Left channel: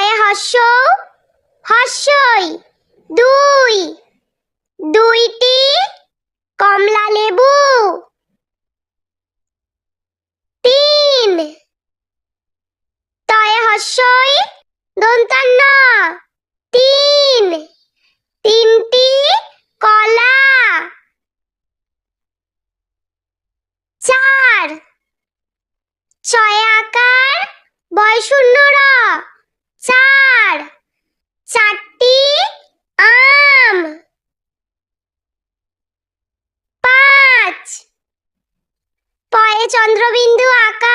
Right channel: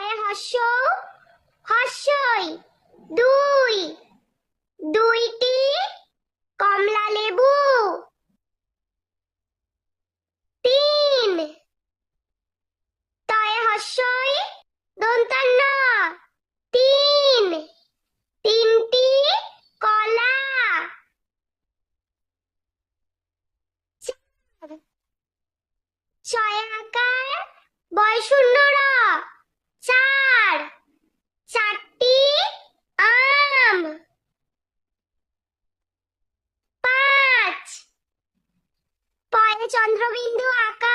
হয়ে হর্ষ, হর্ষই। দুই, দুইটি কমলা লেবু। তিন, তয়ে হর্ষই দন্তান্ন। তিন, তিনটি কলা। চার, ছয় আকার বয় শূন্য র। চার, চারটি আম। পাঁচ, পয়ে চন্দ্রবিন্দু আকার